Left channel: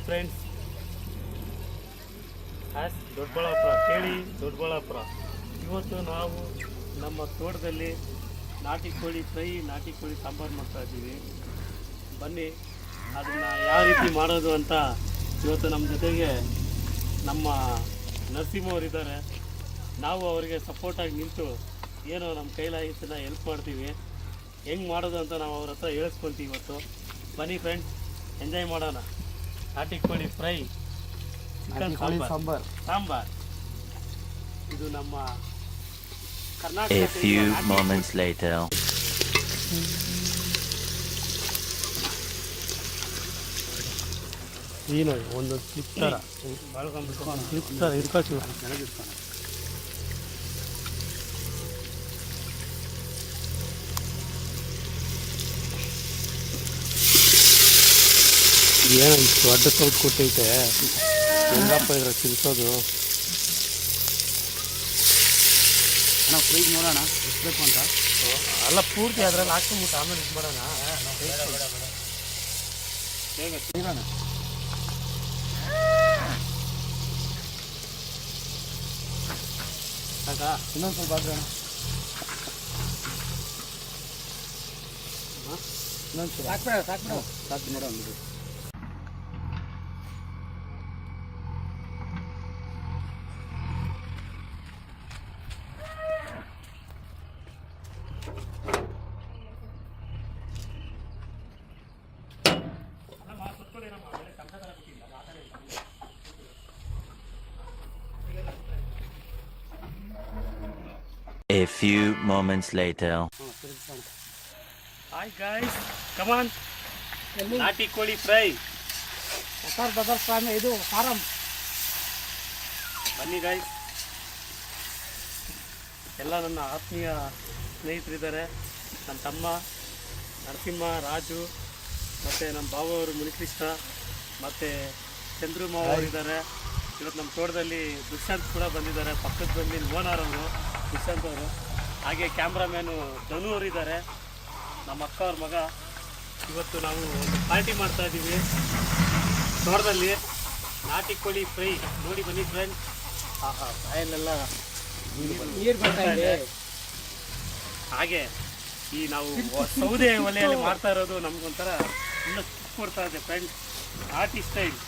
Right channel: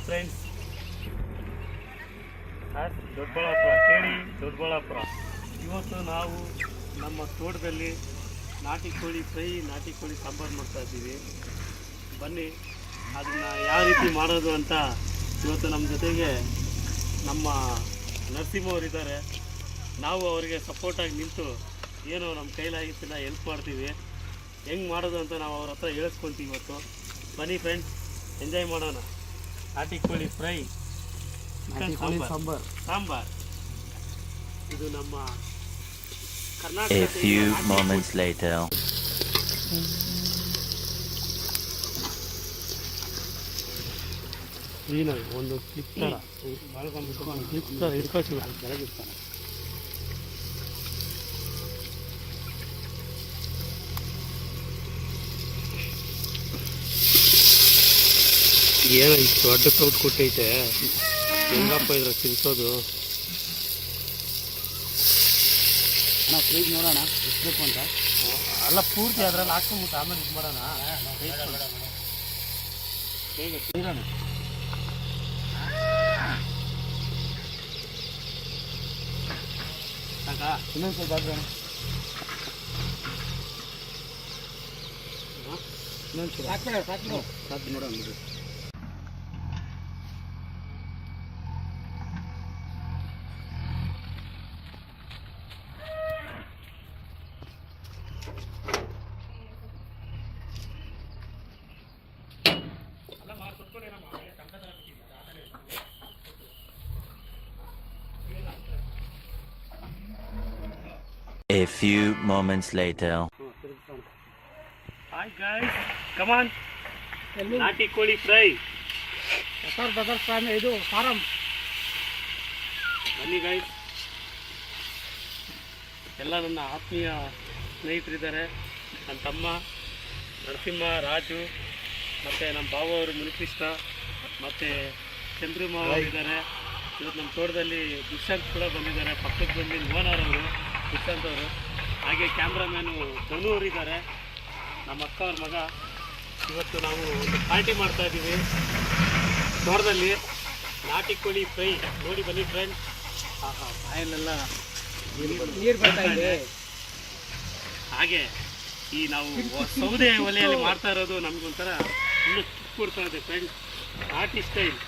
Hi friends, Doddaballapura ಕೇಳಿ ದೊಡ್ಡಬಳ್ಳಾಪುರ. ಇವತ್ತು ನಾವು ನಮ್ಮ ತೋಟದಲ್ಲಿ ನಾಟಿ ಕೋಳಿ ಫ್ರೈ, ನಾಟಿ ಕೋಳಿ ಸಾಂಬಾರು ಮಾಡ್ತಾಯಿದ್ದೀವಿ. ಬನ್ನಿ ಅದನ್ನು ಯಾವ ರೀತಿ ಮಾಡೋದು ಅಂತ ಇವತ್ತು ನಮ್ಮ ಜೊತೆಗೆ ನಮ್ಮ ನರಸಿಂಹವರಿದ್ದಾರೆ. ನಾವು ಅವರಿಗೆ ಸಪೋರ್ಟಾಗಿ ನಿಂತು ಏನೋ ನಮ್ಮ ಕೈಲಾಗಿದ್ದನ್ನ ಹೆಲ್ಪ್ ಮಾಡ್ತೀವಿ. ಹೆಂಗೆ ಮಾಡೋದು ಅಂತ ನಾವು ಅವ್ರ ಹತ್ರ ಹೇಳಿಸ್ಕೊತೀವಿ ಇವತ್ತು. ಬನ್ನಿ ಫ್ರೆಂಡ್ಸ್, ಎಂಜಾಯ್ ಮಾಡೋಣ. ನಾಟಿ ಕೋಳಿ ಫ್ರೈ, ಸಾಂಬಾರ್. ಇದು ನಮ್ಮ Karnataka. A few moments later. ಏನು ಒಂದು ಸ್ಲಿಪ್ ಥರ ಇಟ್ಕೊಳ್ತೀವಿ ಕೆಳಗಿರ್ತಾನೆ. ಏನು ಇಷ್ಟು ದೊಡ್ಡ ಕೌಟ್ ಕೊಟ್ಟೈತೆ, ಹೆಂಗಪ್ಪ ಇದ್ರೆ ತಿನ್ಸೋದು. ಅಣ್ಣ ಫ್ರೈಜ್ ನೋಡೋಣ ಎಷ್ಟಬೇಕು ಅಂತ. ಅಲ್ಲ ಪೂರ್ತಿ ಅದ್ರಲ್ಲಿ ಹಾಕ್ಕೊಂಬಿಟ್ಟು ಆಮೇಲೆ ಇದು ಮಾಡೋಣ. ಇರೋಣ ಇನ್ನೊಂದು ಸ್ವಲ್ಪ ಹಾಕೋಣ. ಇನ್ನೊಂದು ಸಾಕು ನೋಡೋಣ ಬಿಡ್ರಿ. A few moments later. Hi guys, come on. ನಾಟಿ ಕೋಳಿ ಫ್ರೈ, ಇದು ಫಾರಂ. ಬನ್ನಿ ಗಾಯ್ಸ್. ಎಲ್ಲ ನನ್ನ ಆತ್ಮೀಯ ಸ್ನೇಹಿತರಿದ್ದಾರೆ. ನನ್ನ ತಮ್ಮ ನರಸಿಂಹ, ರಾಜು, ಮತ್ತು ನಮ್ಮ ಬಾವವರು ಮುನಿಕೃಷ್ಣ, ಮತ್ತು ಚಂದ್ರು ಮಾವರಿದ್ದಾರೆ. ಇವತ್ತು ನಮ್ಮ ತೋಟದಲ್ಲಿ ದುಷ್ಯಂತ್ ಕೂಡ ಬಂದಿದ್ದಾರೆ, ಪಕ್ಕದ ಜಮೀನು ಓನರ್ ಅವರು ದುಷ್ಯಂತ್ ಅವರು. ಹಾಗೆ ಕ್ಯಾಮ್ರಾಮ್ಯಾನು ಧನು ಅವರಿದ್ದಾರೆ, ನಮ್ಮ ಅಕ್ಕ ಅವ್ರ ಮಗ. ಇವತ್ತು ನಾವು ಒಂದು ಪಾರ್ಟಿ ಮಾಡ್ತಾಯಿದ್ದೀವಿ ತೋಟದಲ್ಲಿ. ನಾಟಿ ಕೋಳಿ ಫ್ರೈ ನೋಡಿ ಬನ್ನಿ ಫ್ರೆಂಡ್ಸ್. ಬಾಯಲ್ಲೆಲ್ಲ ನೀರು ಬರ್ತಾ ಇದೆ. ಹಾಗೆ ಈ ನಾವು ಸೌದೆ ಒಲೆಯಲ್ಲಿ ಮಾಡ್ತಾ ಇರೋದು ನಮಗೊಂಥರ ಇನ್ನೂ ಕಿಕ್ ಕೊಡ್ತಾ ಇದೆ ಫ್ರೆಂಡ್ಸ್. ನಾಟಿ ಸ್ಟೈಲ್.